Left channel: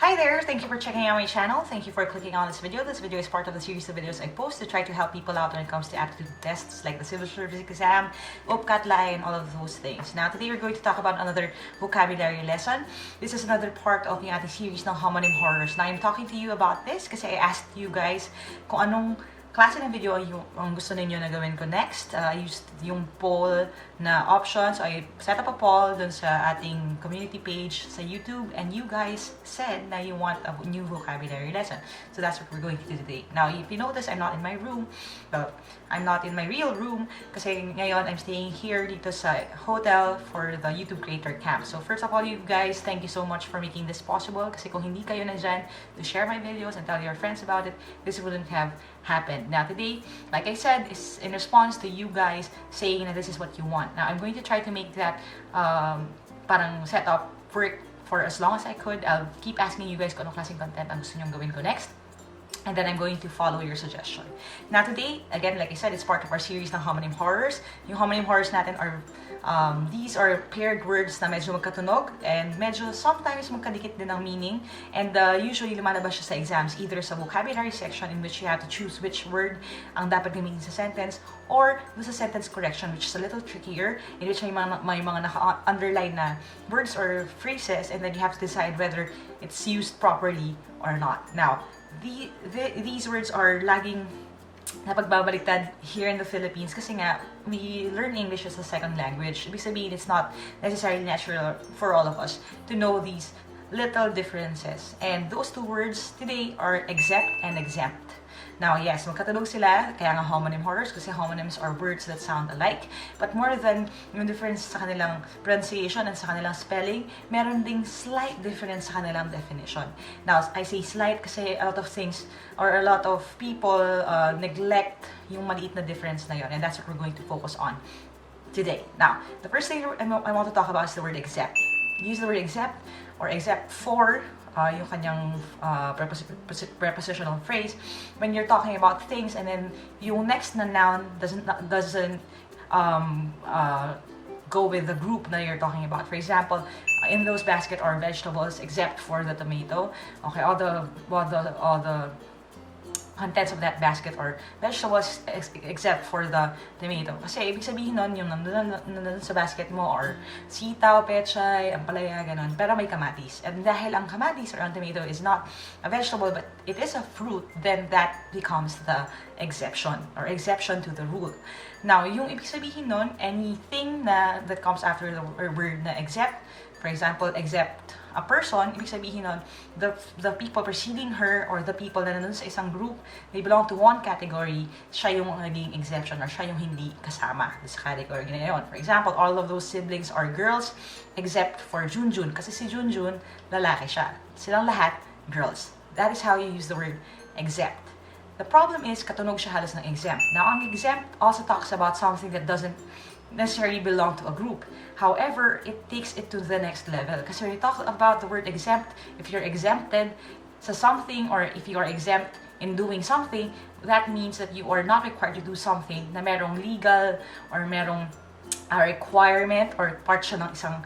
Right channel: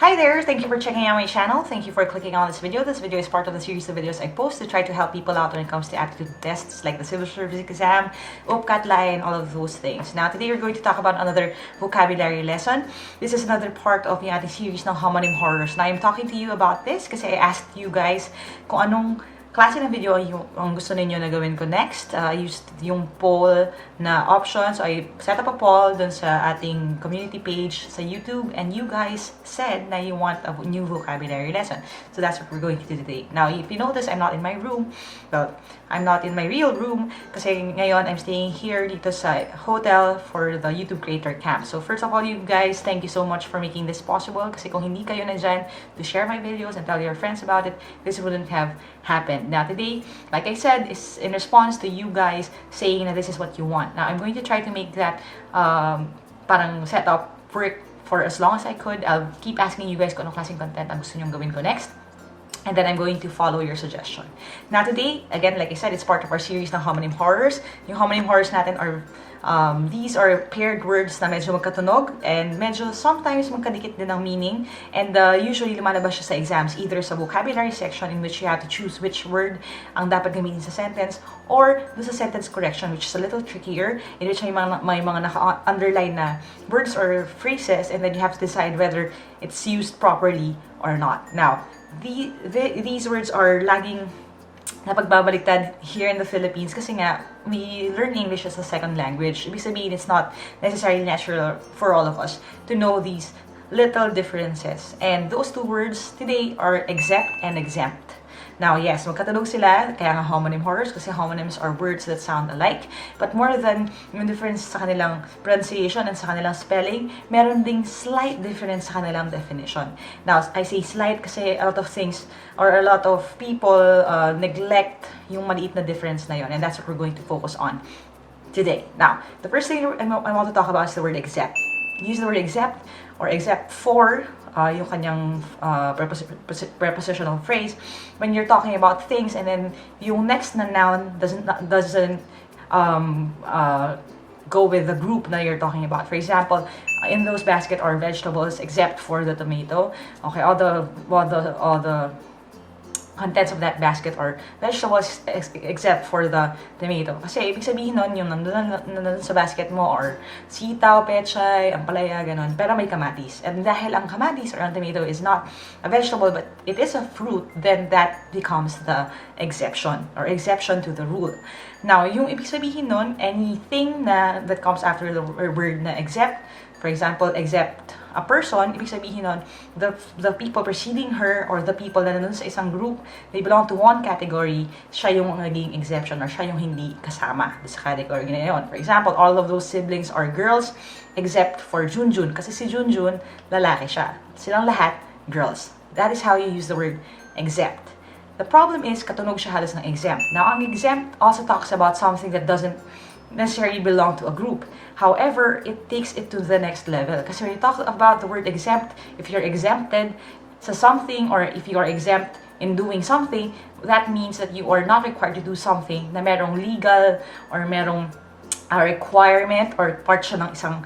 Hi there! Thank you for checking out my channel. Thank you for clicking on this video. This video is part of the series of videos I post to try to help people out when it comes to aptitude tests like the civil service exam, UPCAT, and all of those things. Now, today we're going to talk about another vocabulary lesson. This is another part of the ating series ng Homonym Horrors. Now, I'm talking to you about this kasi I asked you guys kung anong klase ng video ang gusto ninyo na gawin ko next. I used yung poll na option. So, I set up a poll dun sa ating community page sa YouTube. And you guys said na you want a new vocabulary lesson. So, that's what we're going to do today. Now, if you notice, I'm not in my room. Well, I'm not in my real room kasi ngayon I'm staying here dito sa hotel for the YouTube Creator Camp. So, first of all, you guys, thank you so much for making this possible. Kasi kung hindi kayo nandyan to share my videos and tell your friends about it, this wouldn't have happened. Now today, like I said, is in response to you guys saying that this is what you want. Now I'm going to try to make that parang setup work for as long as I could. I'll keep asking you guys kung anong klaseng content ang gusto nyong gawin ko next. And then I'm going to follow your suggestion. Now today, again, like I said, it's part of our series ng Homonym Horrors. Yung Homonym Horrors natin are, these are paired words na medyo magkatunog and medyo sometimes magkadikit din ng meaning. And usually lumalabas siya sa exams, either sa vocabulary section in which you have to choose which word ang dapat gamitin sa sentence, or sa sentence correction, which is a little trickier, in which may mga naka-underline na words or phrases, and then you have to decide whether it's used properly or not. Now, these words are laging napagbabaliktad here in the Philippines kasi nga we learn English as a second language. Ibig sabihin, it's not necessarily natural for all of us to know these little differences. And those two words today are exempt and exempt. Now, yes, magkatunog sila, kaya nga homonym horrors kasi homonyms are words that sound alike. But more than yung difference sa kanilang pronunciation and sa kanilang spelling, meron ding slight difference sa kanilang definition. Now, I say slight kasi a lot of things or a lot of people neglect yung maliit na difference na yon, and that's what we're going to focus on today. Now, the first thing I want to talk about is the word exempt. Use the word exempt or exempt for yung kanyang prepositional phrase when you're talking about things, and then yung next na noun doesn't go with the group na you're talking about. For example, in those basket are vegetables except for the tomato. Okay, all the contents of that basket or vegetables except for the tomato. Kasi ibig sabihin nun, yung nandun sa basket mo or sitaw, pechay, ampalaya, ganun, pero may kamatis. And dahil ang kamatis or ang tomato is not a vegetable but it is a fruit, then that becomes the exception or exception to the rule. Now, yung ibig sabihin nun, anything that comes after the word na except, for example, except a person, ibig sabihin nun, the people preceding her or the people na nandun sa isang group, they belong to one category, siya yung naging exemption or siya yung hindi kasama sa category na yun. For example, all of those siblings are girls except for Junjun kasi si Junjun, lalaki siya. Silang lahat, girls. That is how you use the word exempt. The problem is, katunog siya halos ng exempt. Now, ang exempt also talks about something that doesn't necessarily belong to a group. However, it takes it to the next level. Kasi when you talk about the word exempt, if you're exempted sa something or if you are exempt in doing something, that means that you are not required to do something na merong legal or merong requirement or part siya ng isang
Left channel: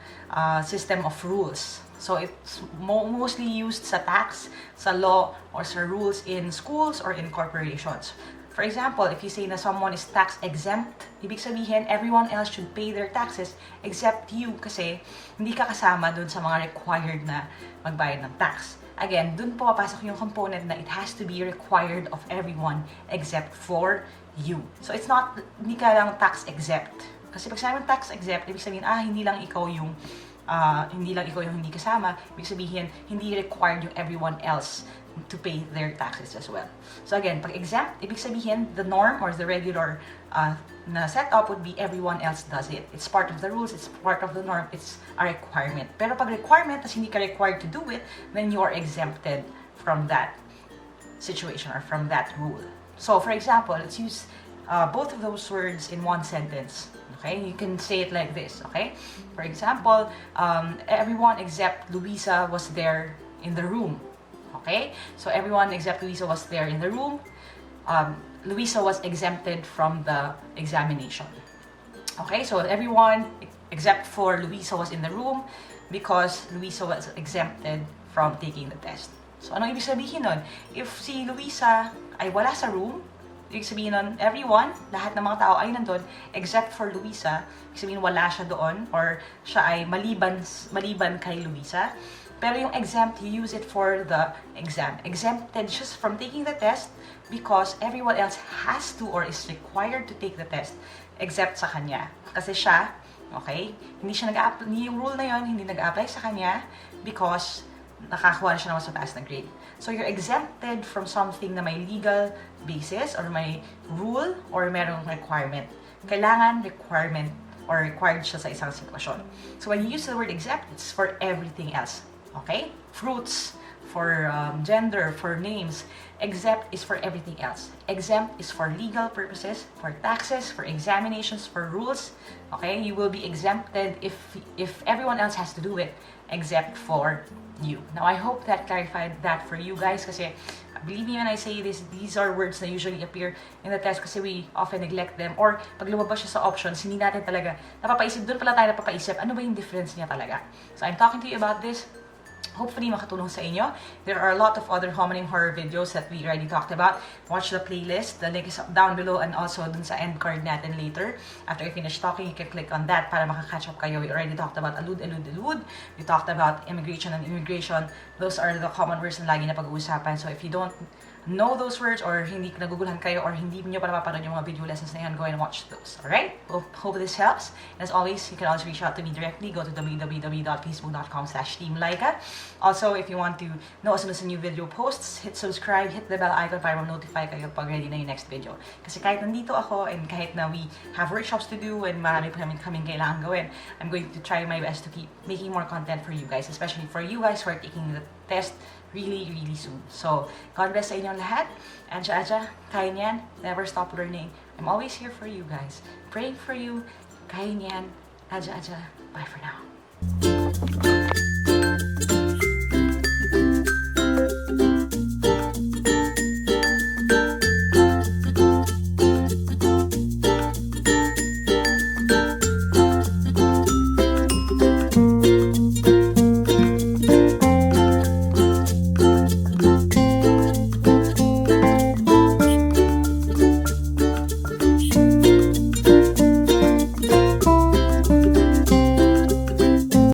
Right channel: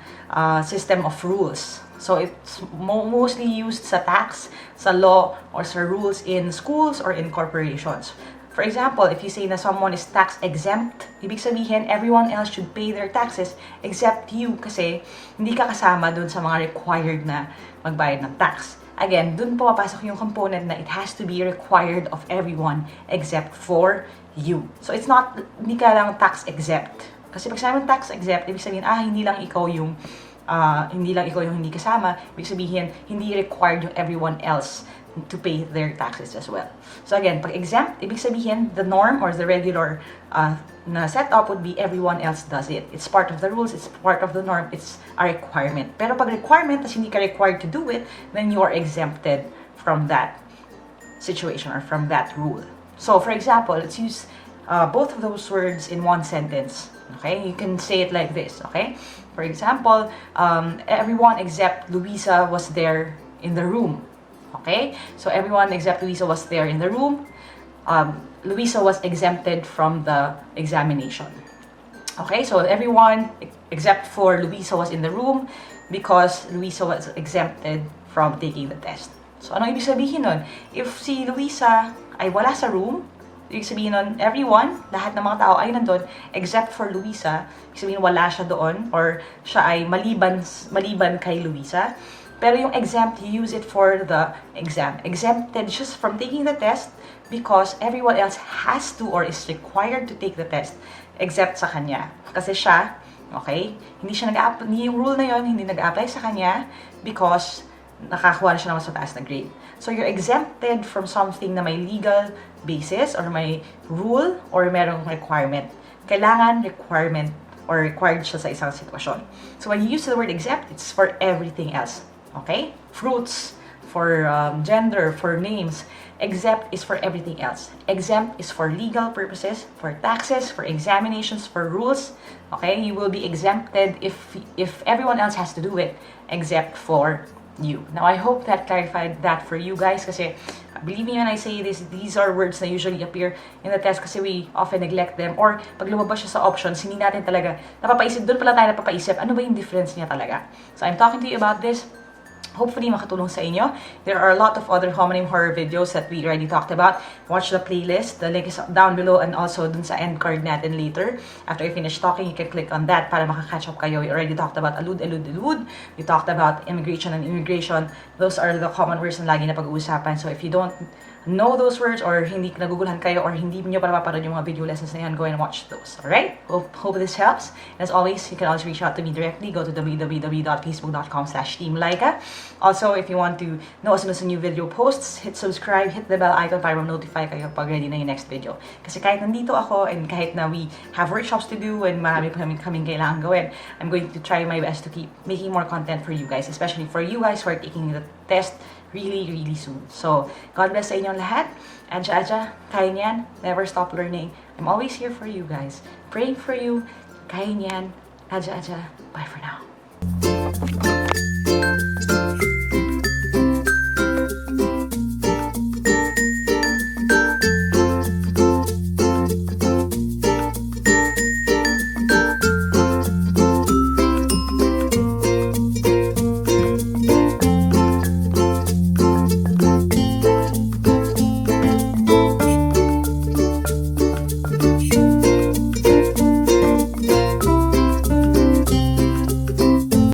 system of rules. So it's mostly used sa tax, sa law, or sa rules in schools or in corporations. For example, if you say na someone is tax exempt, ibig sabihin everyone else should pay their taxes except you kasi hindi ka kasama dun sa mga required na magbayad ng tax. Again, dun po papasok yung component na it has to be required of everyone except for you. So it's not, hindi ka lang tax exempt. Kasi pag sabi ng tax exempt, ibig sabihin, hindi lang ikaw yung hindi kasama, ibig sabihin, hindi required yung everyone else to pay their taxes as well. So again, pag exempt, ibig sabihin, the norm or the regular na setup would be everyone else does it. It's part of the rules, it's part of the norm, it's a requirement. Pero pag requirement, tas hindi ka required to do it, then you are exempted from that situation or from that rule. So for example, let's use both of those words in one sentence. Okay, you can say it like this, okay? For example, everyone except Luisa was there in the room. Okay, so everyone except Luisa was there in the room. Luisa was exempted from the examination. Okay, so everyone except for Luisa was in the room because Luisa was exempted from taking the test. So, ano ibig sabihin nun? If si Luisa ay wala sa room, ibig sabihin nun, everyone, lahat ng mga tao ay nandun, except for Luisa. Ibig sabihin, wala siya doon, or siya ay maliban kay Luisa. Pero yung exempt, you use it for the exam. Exempted just from taking the test because everyone else has to or is required to take the test except sa kanya. Kasi siya, okay, hindi yung rule na yon hindi nag-apply sa kanya because nakakuha na siya ng mas mataas na grade. So, you're exempted from something na may legal basis or may rule or merong requirement. Kailangan requirement or required siya sa isang sitwasyon. So, when you use the word exempt, it's for everything else. Okay? Fruits, for gender, for names. Exempt is for everything else. Exempt is for legal purposes, for taxes, for examinations, for rules. Okay? You will be exempted if everyone else has to do it, except for you. Now, I hope that clarified that for you guys kasi believe me when I say this, these are words that usually appear in the test kasi we often neglect them or pag lumabas siya sa options, hindi natin talaga napapaisip, doon pala tayo napapaisip, ano ba yung difference niya talaga? So, I'm talking to you about this. Hopefully, makatulong sa inyo. There are a lot of other homonym horror videos that we already talked about. Watch the playlist. The link is down below and also dun sa end card natin later. After you finish talking, you can click on that para makakatch up kayo. We already talked about alud. We talked about immigration and immigration. Those are the common words na lagi na pag-uusapan. So if you don't know those words or hindi nagugulhan kayo or hindi nyo pa napapanood yung mga video lessons na yan, go and watch those. Alright? Hope this helps. And as always, you can always reach out to me directly. Go to www.facebook.com/Team Lyqa. Also, if you want to know as soon as a new video posts, hit subscribe, hit the bell icon para ma-notify kayo pag ready na yung next video. Kasi kahit nandito ako and kahit na we have workshops to do and marami pa kaming kailangan gawin, I'm going to try my best to keep making more content for you guys, especially for you guys who are taking the test really soon. So, God bless sa inyong lahat. Adja, kaya niyan. Never stop learning. I'm always here for you guys. Praying for you. Kaya niyan. Adja. Bye for now.